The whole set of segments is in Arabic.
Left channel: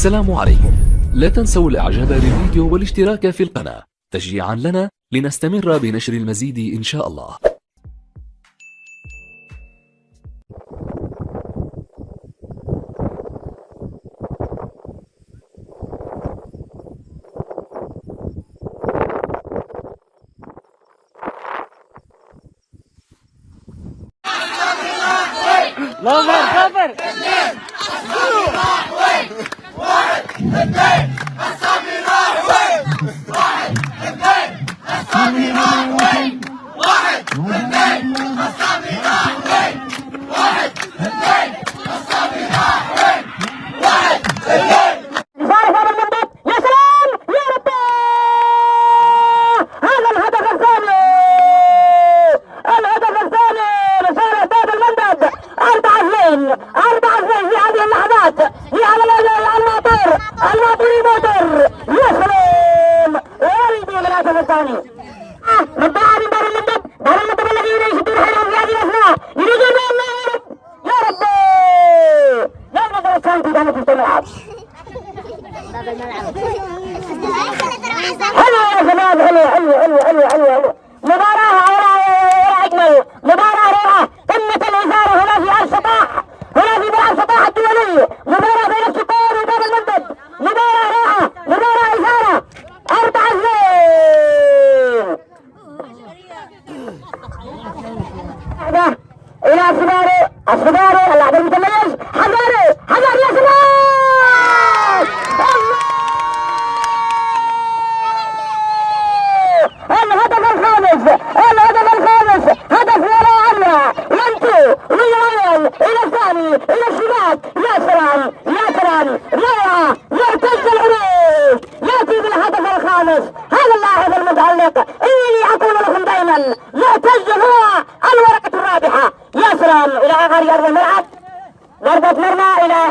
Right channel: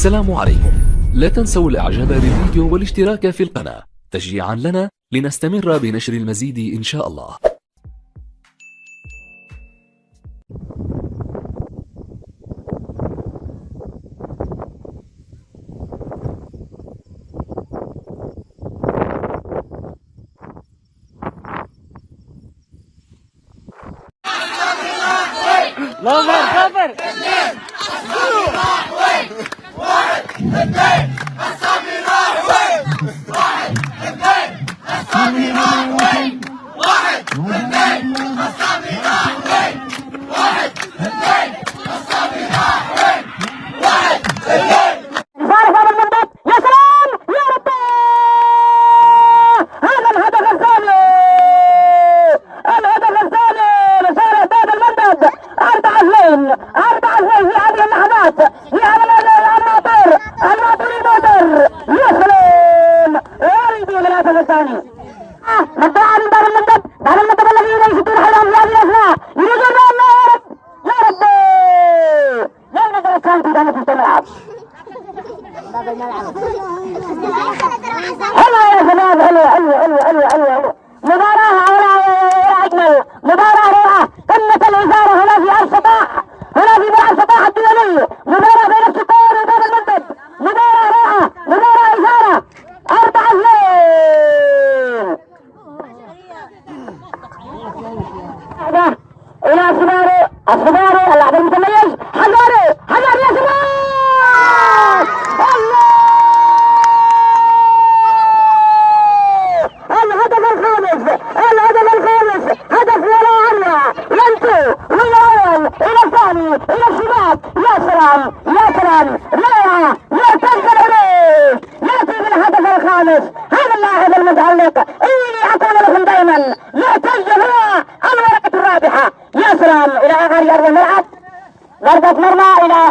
السلام عليكم. لا تنسوا الاعجاب بالفيديو والاشتراك في القناة تشجيعا لنا لنستمر بنشر المزيد إن شاء الله. كفر واحد اثنين الصبي راح وين؟ واحد اثنين الصبي راح وين؟ واحد اثنين الصبي راح وين؟ واحد اثنين الصبي راح وين؟ واحد اثنين. نشارك هذا المنبت. يا سلام يا ربي، هذا الهدف الثاني، الهدف الثاني لصالح هذا المنبت. 4-2 في هذه اللحظات، في هذا الماطر الماطر. يا سلام والدي للهدف الثاني. نبدأ من دار المنبت الذين يشدون حيلهم في هذه الأثناء. يريد يا ربي لا نقدر الثاني في داخل الملعب. باب الملعب حلو يا شباب، حلو. مباراة ولا أجمل، مباراة روعة. تمت الإثارة هنا في السطاح، هنا في ملعب السطاح الدولي. مباراة بين السكور وباب المنبت، مباراة روعة، مباراة إثارة. 4-2 إلى الصباري اللاعب المتميز حجاري يا سلام. الهدف الخامس هدف ولا أروع. لنتو ويوم إلى الثاني إلى الشباك. يا سلام روعة. يعتز العروج، يأتي بالهدف الخامس. هذا اللاعب المتألق إني أقول لكم دائما معتز هو الورقة الرابحة. يا سلام إلى آخر أرض الملعب، ضربة مرمى إلى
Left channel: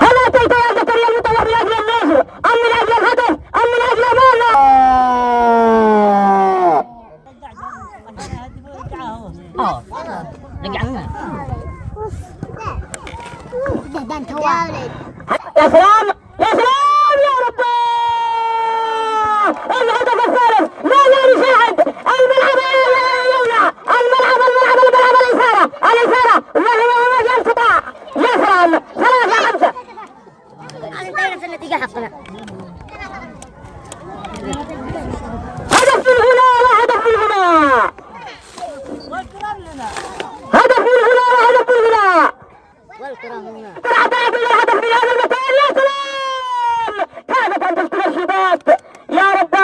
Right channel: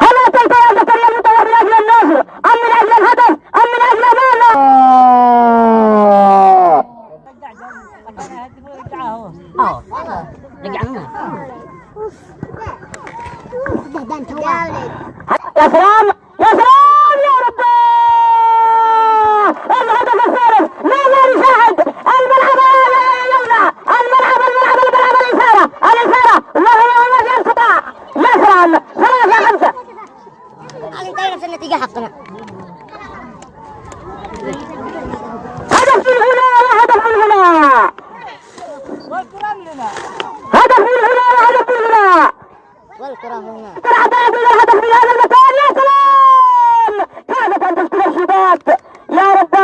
هل تلتقي زكريا المطور من أجل النصر أم من أجل الهدف أم من أجل ماذا؟ يا سلام يا ربي، الهدف الثالث. ماذا نساعد الملعب يمنع الملعب الإثارة وهو يواجه القطاع. يا سلام 3-5. أنا نفس النتيجة حقنا. هدف من هنا وهدف من هنا، هدف من هنا. والكرة هنا. ترعتاد إلى الهدف من هذا المكان. يا سلام، كادت أن تسكن الشباك. يا رب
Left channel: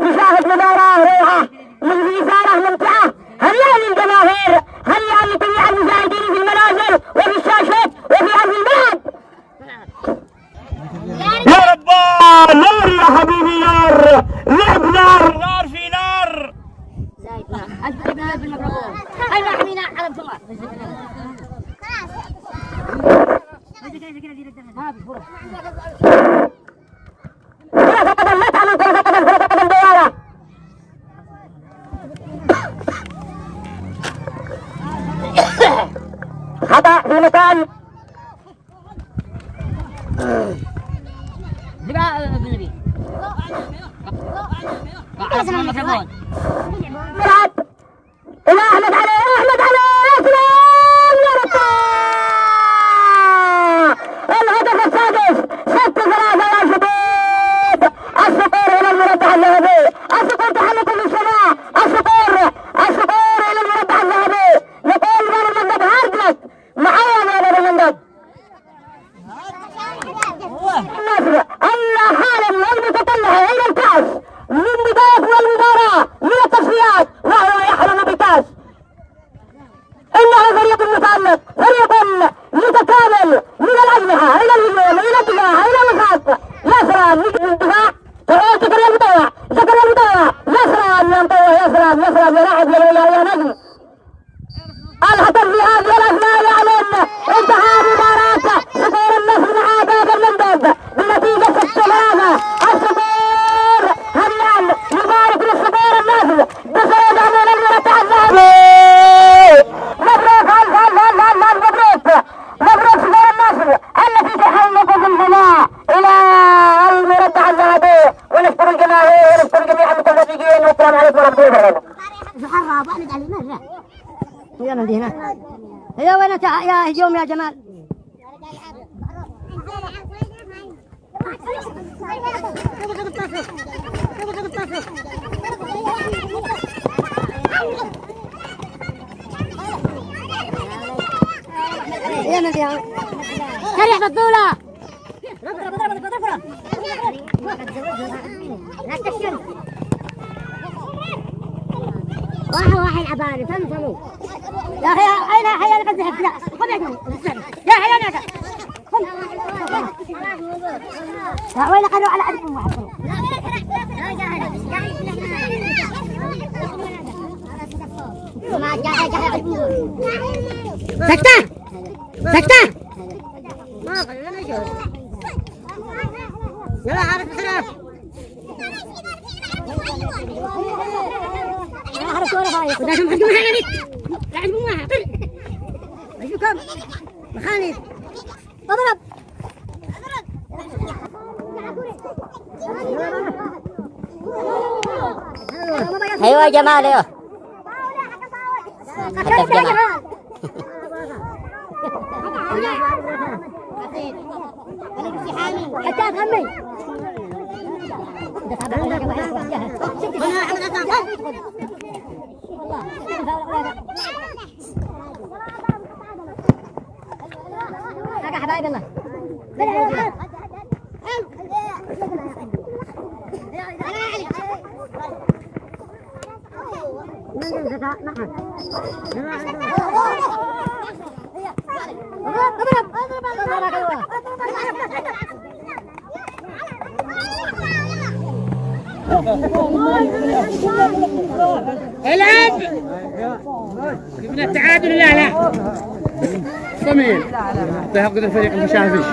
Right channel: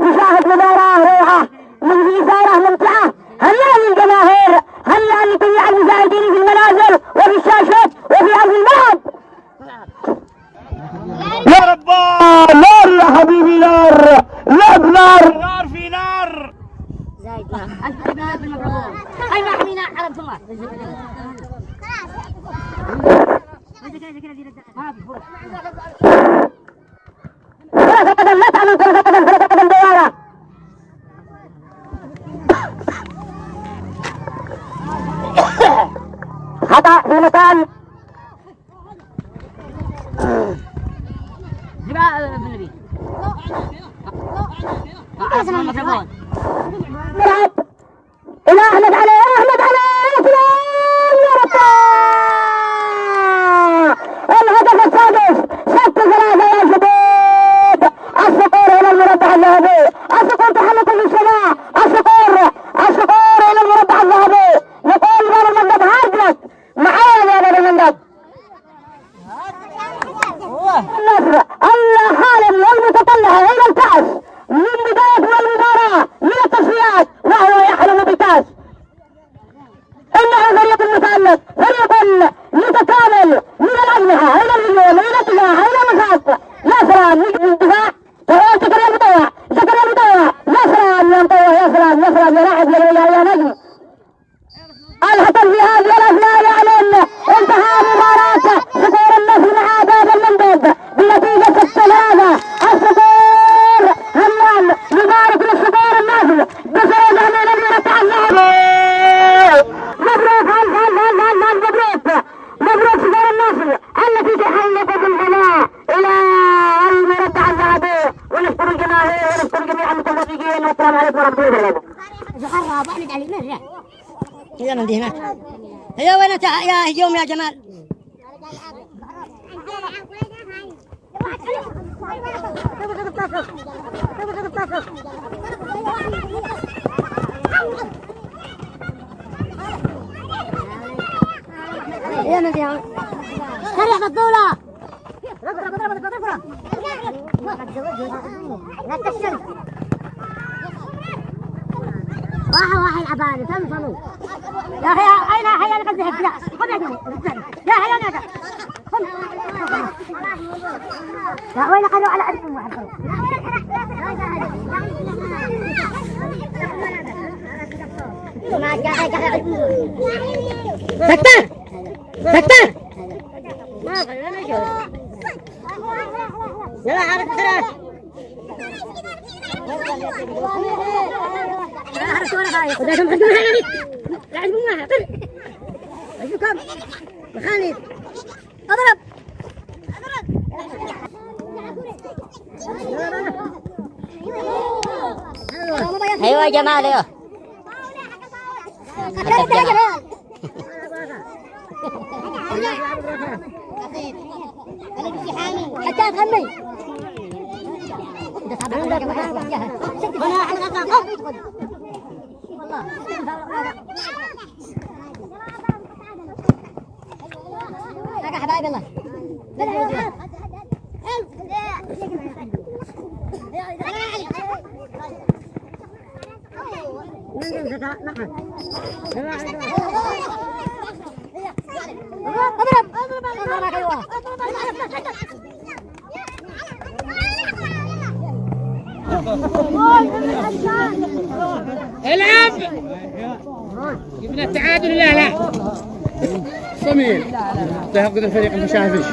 نشاهد مباراة روعة من إثارة ممتعة. هنيئا للجماهير، هنيئا لجميع المشاهدين في المنازل وفي الشاشات وفي أرض الملعب. يا رب نار يا حبيبي، نار لعب، نار في نار. زايد نار. أنت ابن المبروك. أيوة حمينا على الجمعة. كرة قدم لا تعمل كرة قدم ديارة. خطأ في مكان. ملعب إلى أحمد علي. يا سلام يا رب، الهدف السادس. 6-3 يا شباب. الصقور إلى المربع الذهبي، الصقور تحلق في السماء. الصقور إلى المربع الذهبي. نقول باب المنبت هاردلك معانا يا باب المنبت. النصر أن حالا والمتطلع إلى الكأس من بداية المباراة من التصفيات وهو يحلم بالكأس. إنه فريق متألق، فريق متكامل من الأجنحة إلى الهجوم إلى الدفاع إلى النفاق. يا سلام الدفاع، زكريا المطوع. يا سلام يا لاعب يا نجم. الهدف في هذه الأثناء يعلن انتهاء مباراة صقور النصر مع باب المنبت بنتيجة 6-3. الصقور هنيئا مبارك للصقور النصر بفوز أمام المربع الذهبي. مبروك صقور النصر، النتيجة حلقة في الفناء. ونشكر الجماهير ونشكر جميع المتفرجين والسلام عليكم ورحمه الله وبركاته. هي من دي هناك. هي وين يا هجوم يا جمال؟ يا من دي كريم الدولة. اضرب لا تفشل. واحد العباني فهمتوا يا اخي. اين حيا قد ذهبت؟ لا خذ يا حيا انا لا وين قالوا على عرضكم واحد ما جاء سكتة سكتة ما خلينا نشوف. يلا عارف بسرعة. عارف ولا خايف وده شو مقدمها يا بنت. لا تقومها طل اشوفكم مخانيس. اضرب ايوه يا جمال ايوه. حتى تهمي يا حبايب الله. العب جبنا التعادل. لا لا صميم تهقد الفريق المشافش.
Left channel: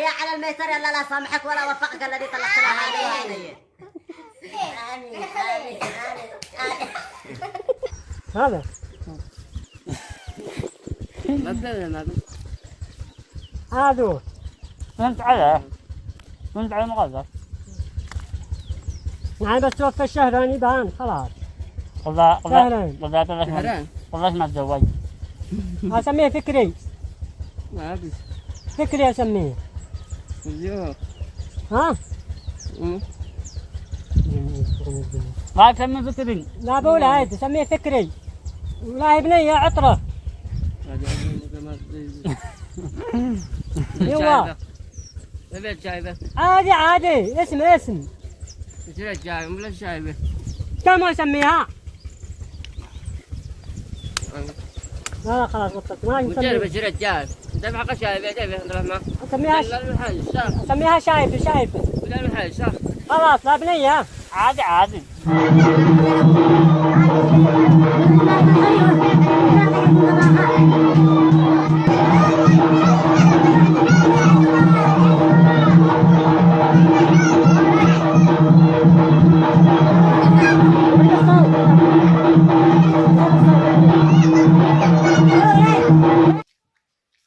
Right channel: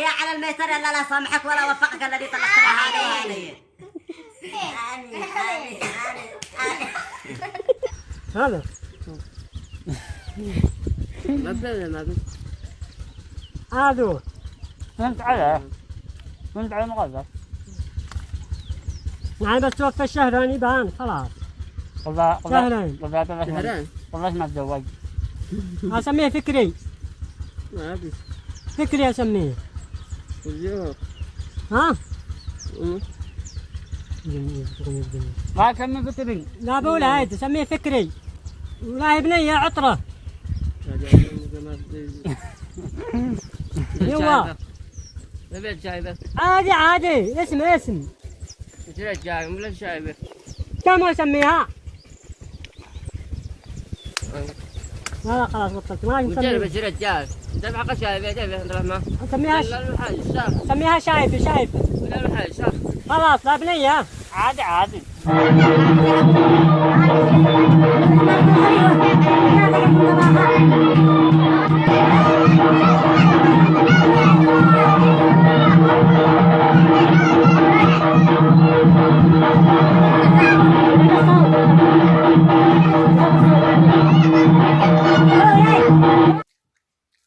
يا على الميسر يلا لا سامحك ولا وفقك الذي طلعت لها عليه. هذا هذا فهمت على المغزى. يعني بس توفى الشهراني بان خلاص. شهرين والله ما تزوج. اسميه فكري. ما ادري فكري اسميه. ها؟ ما تسميه فكري. لا بقول عادي سميه فكري. ولا ابني عطره. ايوه بيت شايبه. عادي اسم بيت شايبه ولا شايبه. كم اسميها؟ لا خلاص قلت ما وجرب الرجال دفع قشايبه دفع ما سميها شايبه ولا المحل صح. خلاص لا بنيه عادي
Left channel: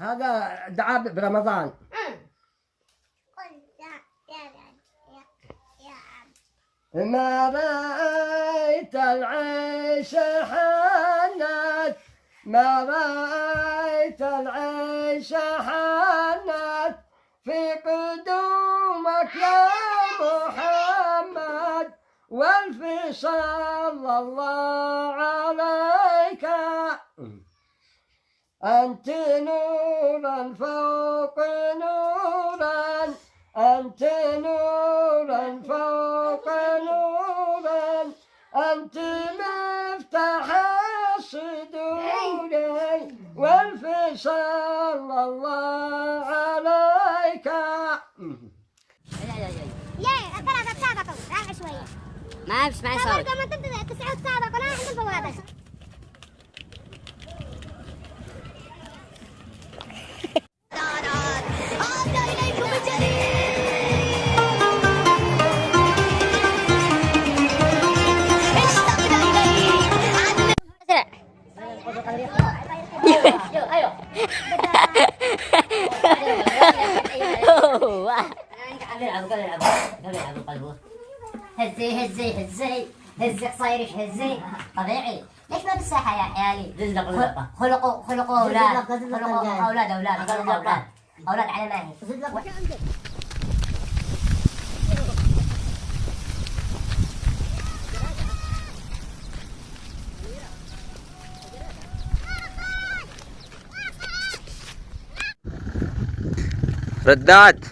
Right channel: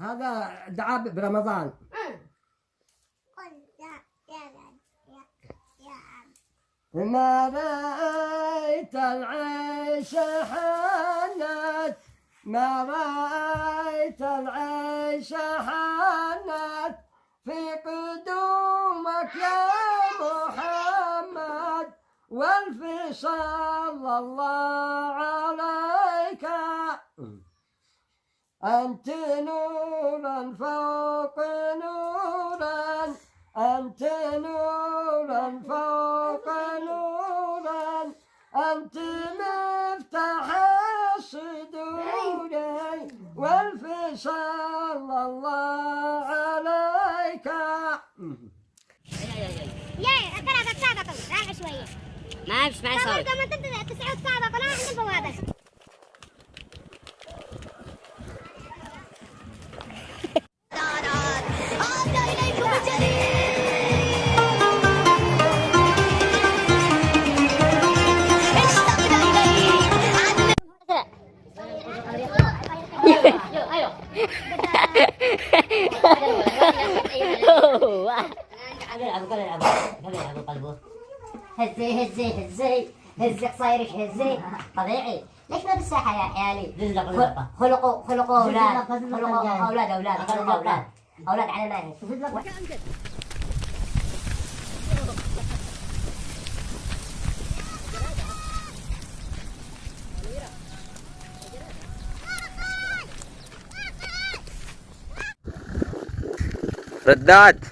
هذا دعاء برمضان. ما رأيت العيش حنت ما رأيت العيش حنت في قدومك يا محمد والف صلى الله عليك. أنت نورا فوق نورا أنت نورا فوق نورا أنت مفتاح الصدور والف صلى الله عليك. يا ترى تسابقوا راح شويه ما بسمع صوت. كمان تسعوا تسابقوا لا عندكم هذا. ايوه هزي هزي هزي هزي قصيرك هزي طبيعي. ليش ما بالساحة يا حيالي؟ خلقوا أولاد خلقوا أولاد أولاد على ما هي. ردات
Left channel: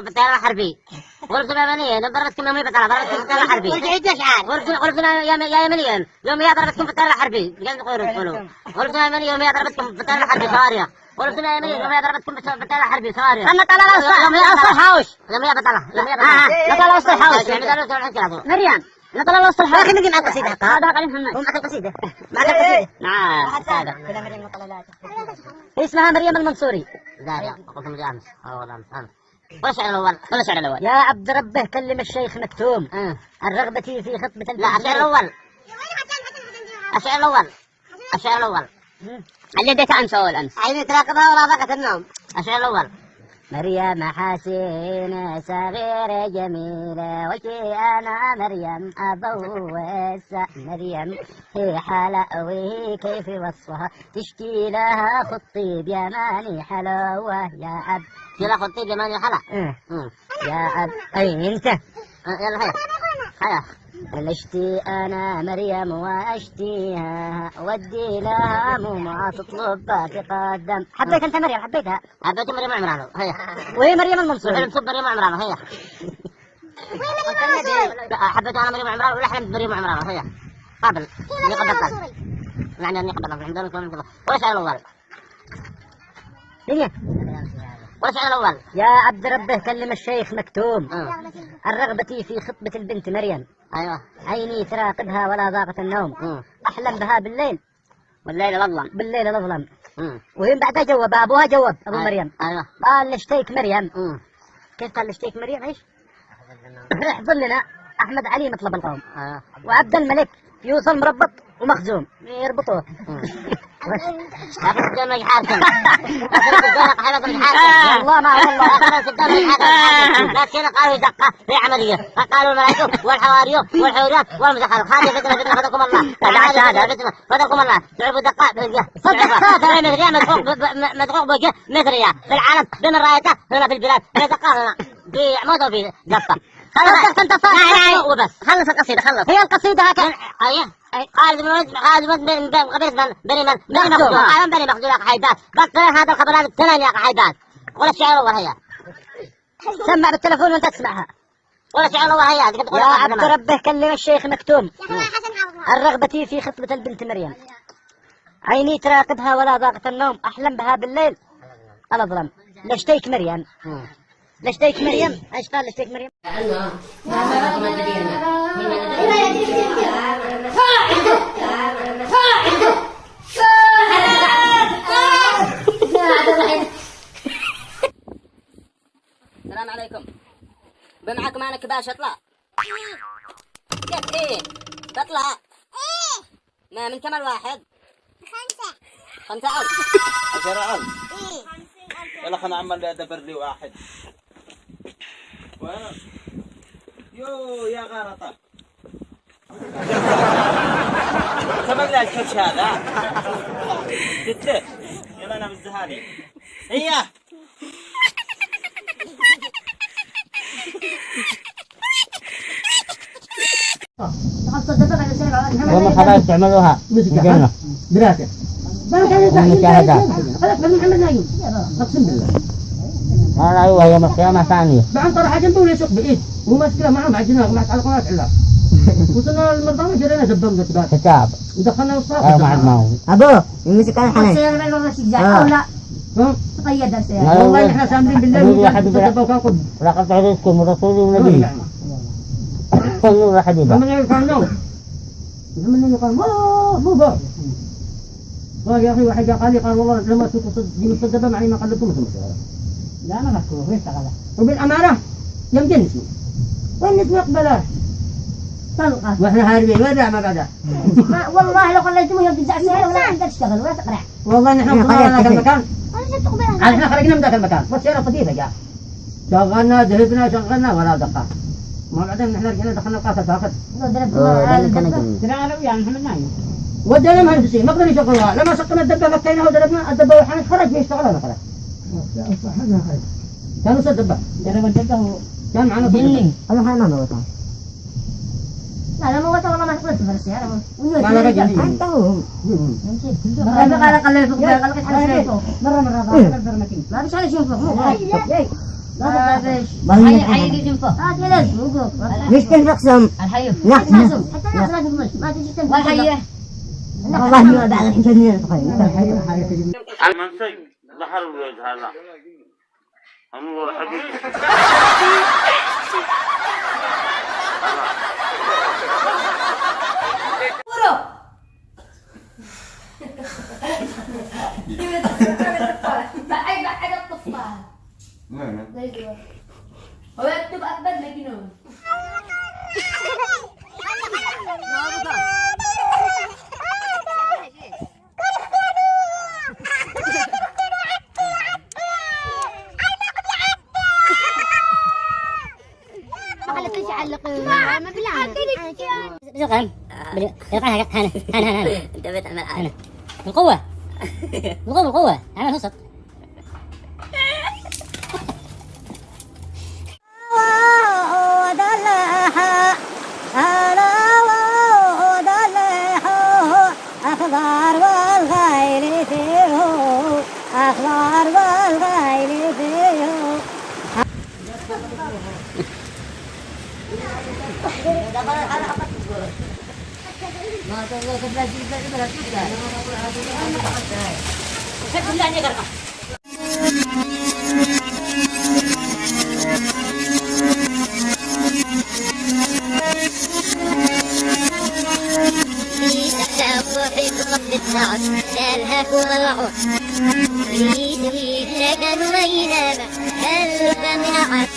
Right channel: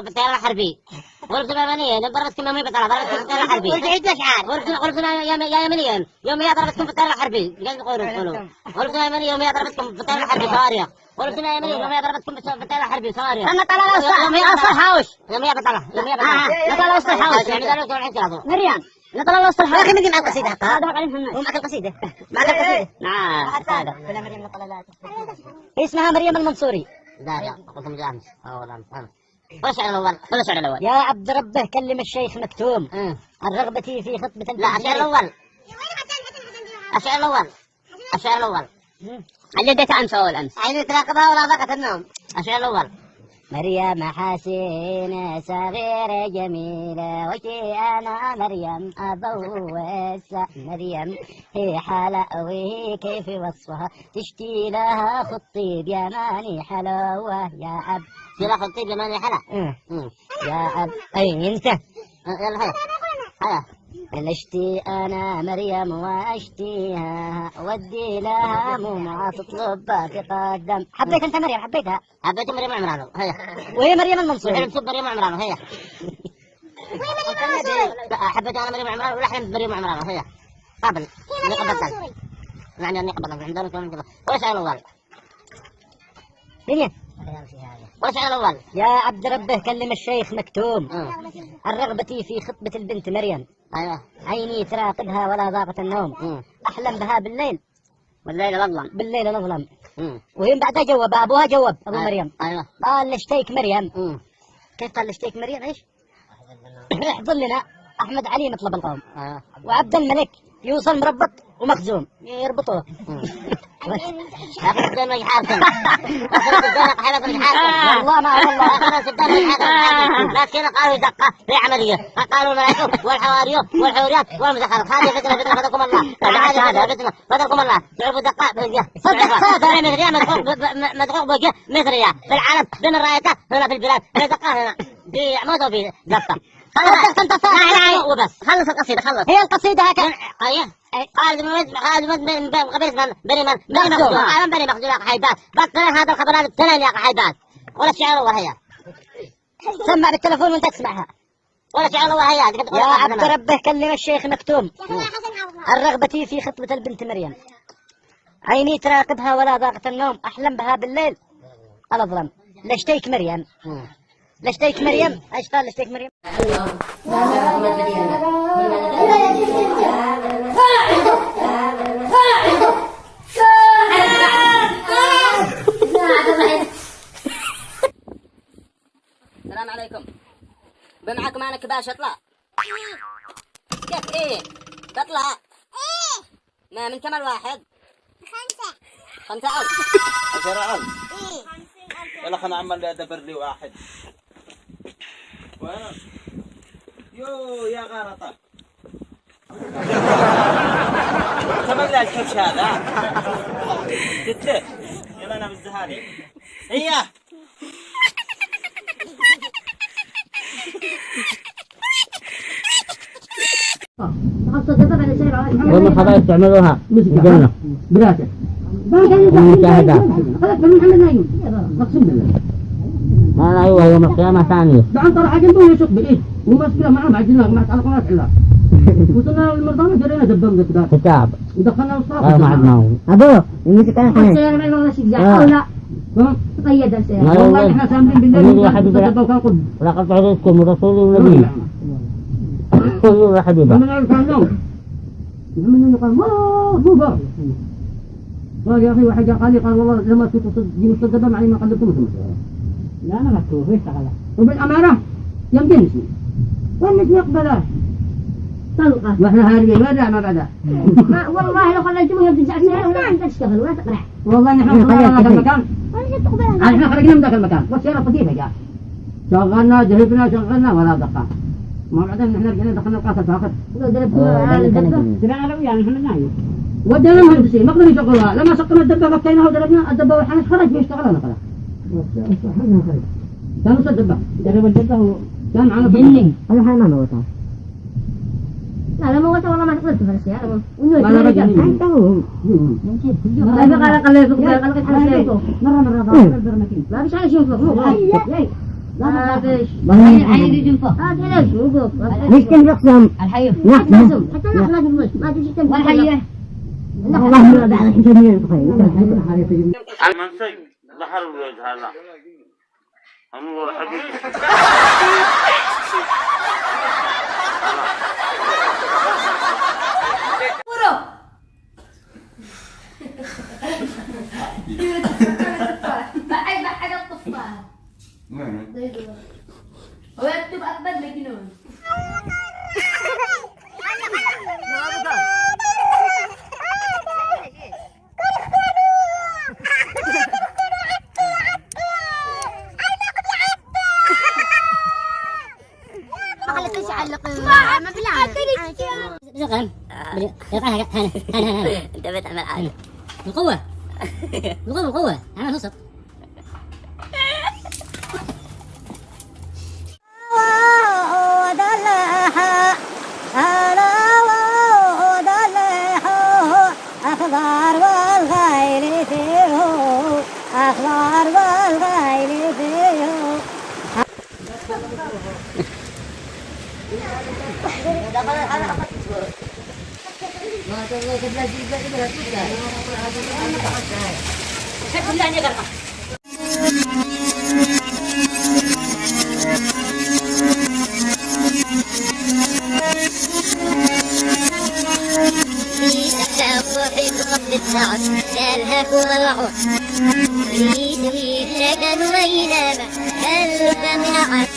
بالطيارة الحربية ورسنا يمنيا ضربتكم يوميا بالطيارة الحربية ورسنا يا يمنيا يوميا ضربتكم بالطيارة الحربية ورسنا يمنيا يوميا ضربتكم بالطيارة الحربية صواريخ ورسنا يمنيا يوميا ضربتكم بالطيارة الحربية صواريخ أنا طلع وسط حوش يوميا بطلع طلع وسط حوش يعني ضربتكم مريم لا طلع وسط حوش لكن نجي نعطي قصيدة هذا قاعدين محمد ومعك القصيدة معك القصيدة نعم اسمها مريم المنصوري لا قلت مجامس الشعر الأول يا عبد ربه كلم الشيخ مكتوم الرغبة في خطبة لا الشعر الأول اللي اديت أمس أول أمس عيني تراقبها ولا ضاقت النوم الشعر الأول مريم حسينة صغيرة جميلة وشي أنا مريم أبوس مريم هي حالة وهي كيف وصفها تشتي لها خطي بيماني حلاوة يا أب يلا خطي بيماني حلا يا أب أي أنت يلا هيا اشتي انا مريم واشتيها ودي لها مو ما تطلب تقدم حبيت انت مريم حبيتها حبيت مريم عمران هي وهي مريم المنصوري نصب مريم عمران هي حبيت انا مريم عمران ولا حلمت مريم عمران هي قبل اللي قبل يعني اني قبل عندنا وش الاول دنيا وش الاول يا عبد ربه كلم الشيخ مكتوم الرغبة في خطبة البنت مريم ايوه عيني تراقبها ولا ضاقت النوم احلم بها بالليل بالليل الاظلم وهم بعدها جواب ابوها جواب ابو مريم ايوه قال نشتيك مريم كيف قال نشتيك مريم ايش؟ يحضر لنا احمد علي مطلب القوم وعبد الملك يوصل مربط ومخزوم يربطوه والله ما والله لكن قالوا دقة في عملية قالوا الملائكة والحوارية والحوريات والمزخرف هذه فتنة فدكم الله هذا فتنة فدكم الله تعرفوا دقة صدق هذا مدقوق بوجه مصرية في العالم بين الرايته هنا في البلاد في دقة هنا في موضوع في دقة خلصت انت صار وبس خلص القصيدة خلص هي القصيدة هكذا ايوه بني مخزوم حيدات بطل هذا الخبرات الثانية يا حيدات ولا الشعر والله هي سمع بالتلفون وانت تسمعها ولا الشعر والله هي يا عبد ربه كلم الشيخ مكتوم الرغبة في خطبة البنت مريم عيني تراقبها ولا ضاقت النوم احلم بها بالليل انا ظلم لشتيك مريم لشتيك مريم ايش قال لشتيك مريم السلام عليكم بمعكم انا كباش اطلع كيف ايه تطلع ايه ما من كم الواحد 5 عم 10 عم يلا خلنا نعمل ادبر لي واحد يو يا غلطة سبق لها الكبش هذا قلت يلا انا بالزهاري هي والله خلاص تعملوها بالجنة براسه المشاهدات اقسم بالله ايوه يوم القيامة ثانية بعد طلع جنبه يسوق بايد وماسكه معه معجنه ومع تعلقات علا وصلنا المرضى جرينا قدام كتاب ودخلنا الصاف ما عدناه ابوه يمسك انا حنين السيارة ما يوضع شجاع او لا تقيد السيارة والله احنا سامرين بالله لقد تعرفكم ورسولي ونبي رسولي وحبيبه من الفنون من قال مو بار قال يا اخي واحد قال لي قال والله لما تجيب الصدبه معني ما قلتم لا انا مكروه ليش تغلى وبالامانه يمكن اسمه والناس ما يقبلها طلقة. واحنا هاربين وين ما بعدها؟ والله لو خليتموه يرجع فيها ولا انت تشتغل ولا تقرع. والله نحن وصلنا ذاك المكان. احنا خرجنا من ذاك المكان والسيارة طفيفة جاء. شغلنا ذهبنا ولا دقة. ما بعدين نحن رجعنا دخلنا القاصة فاقد. ترى يعني احنا نايم. ودينا مهندسين ما قدروا يشغلوها لما سقنا الدبة فكيناها ودربنا الدبة وحنا خرج يشتغلون خلاص. كانوا الدبة جرب الدبة كان معنا جنين. أنا حال ما موتها. لا موتها والله ما تقدر تفلس يا رب. ما لقى جنين. أنت هو. مرة ما فيش حاجة يشوفه الحي يشوفه مش تنفقسم الحي نقسم حتى نقسم ما تجي تنفق والحي والله ما بعد الحين منسي ظهر الوجه هذا الله حبيبي بعد الطفاح هو يكتب أكبر مجنون انت بتعمل حاجة بالقوة بالقوة عمل وسط الهك والعود يريد سكن وينام قلب من عد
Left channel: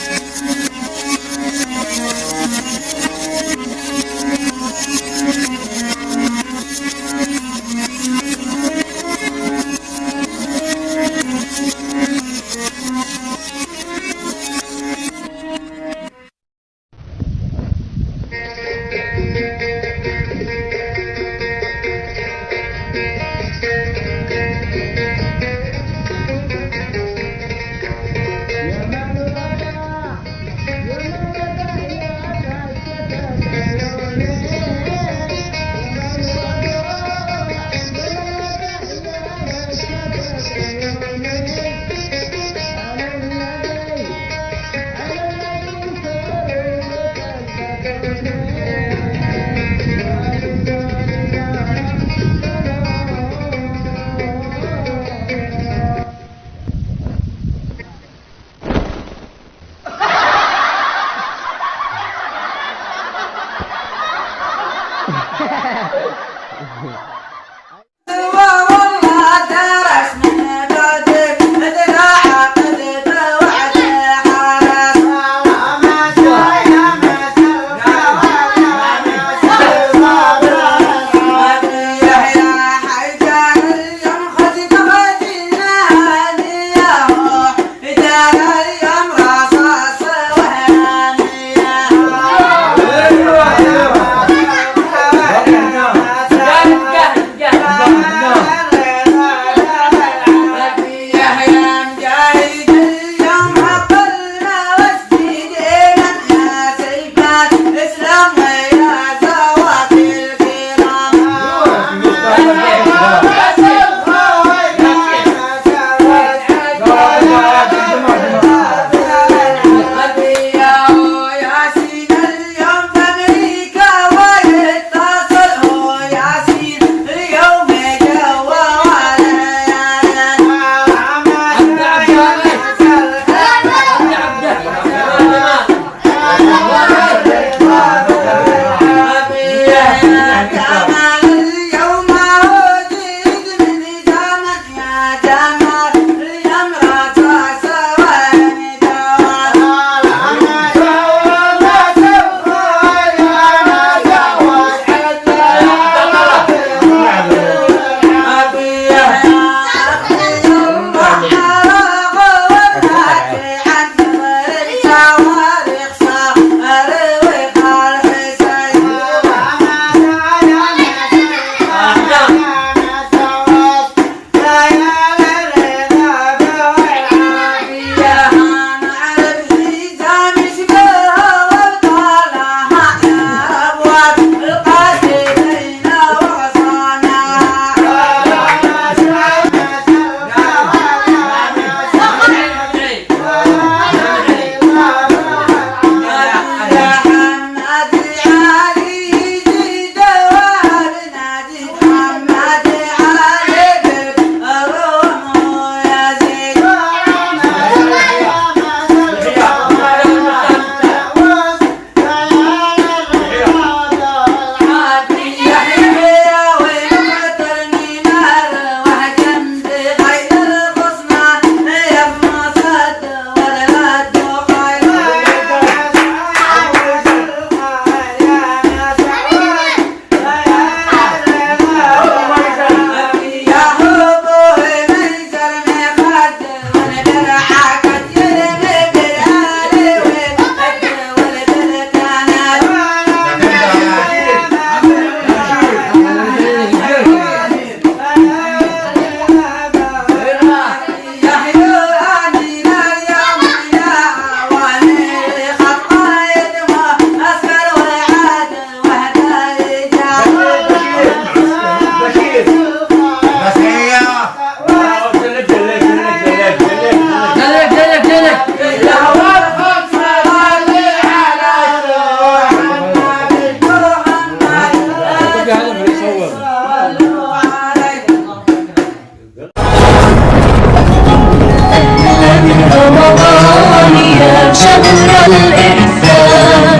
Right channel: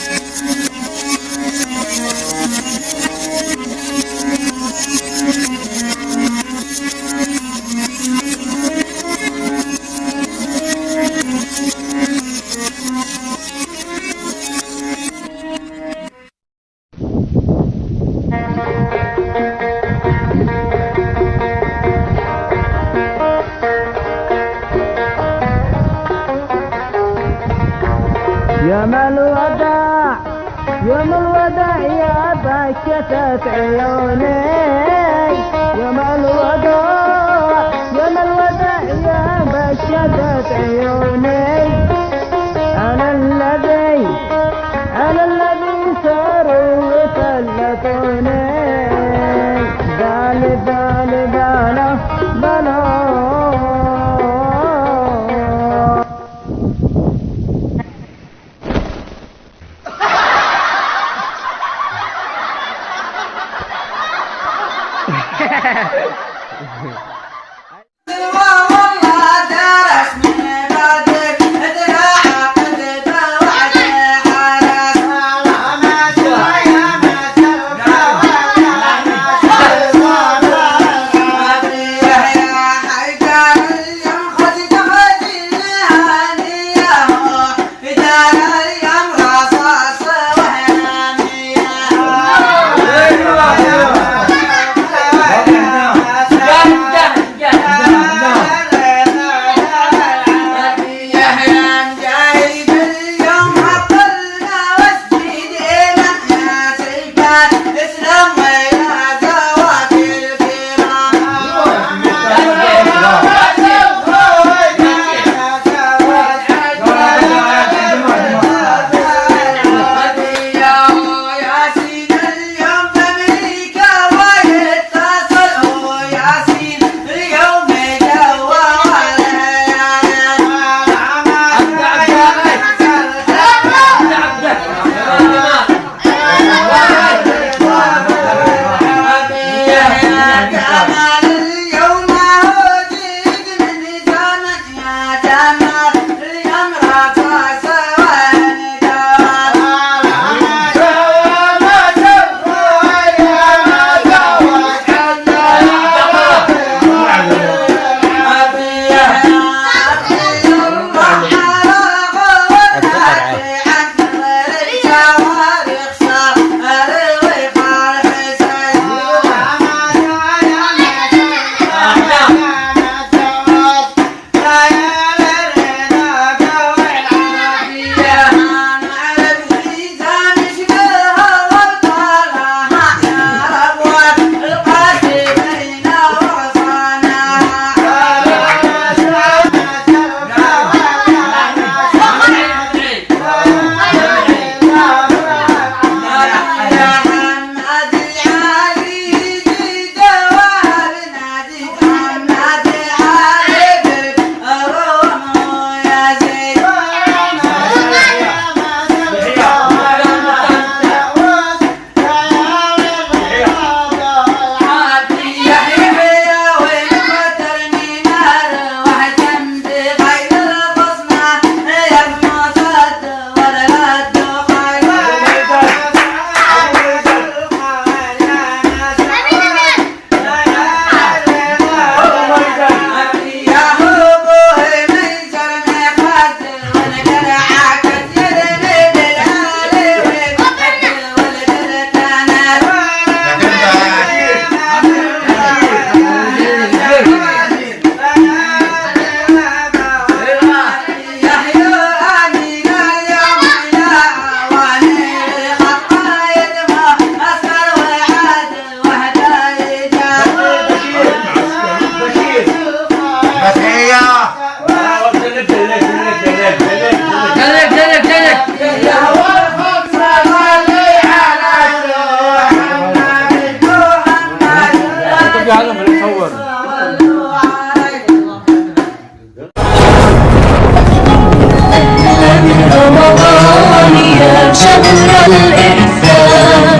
شهر الإحسان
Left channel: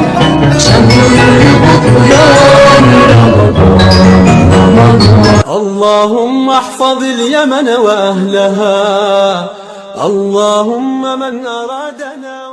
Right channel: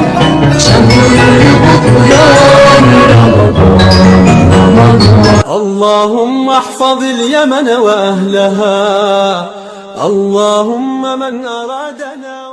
شهر الغفران رمضان. اللهم احفظ اليمن وأهلها، اللهم من أرادنا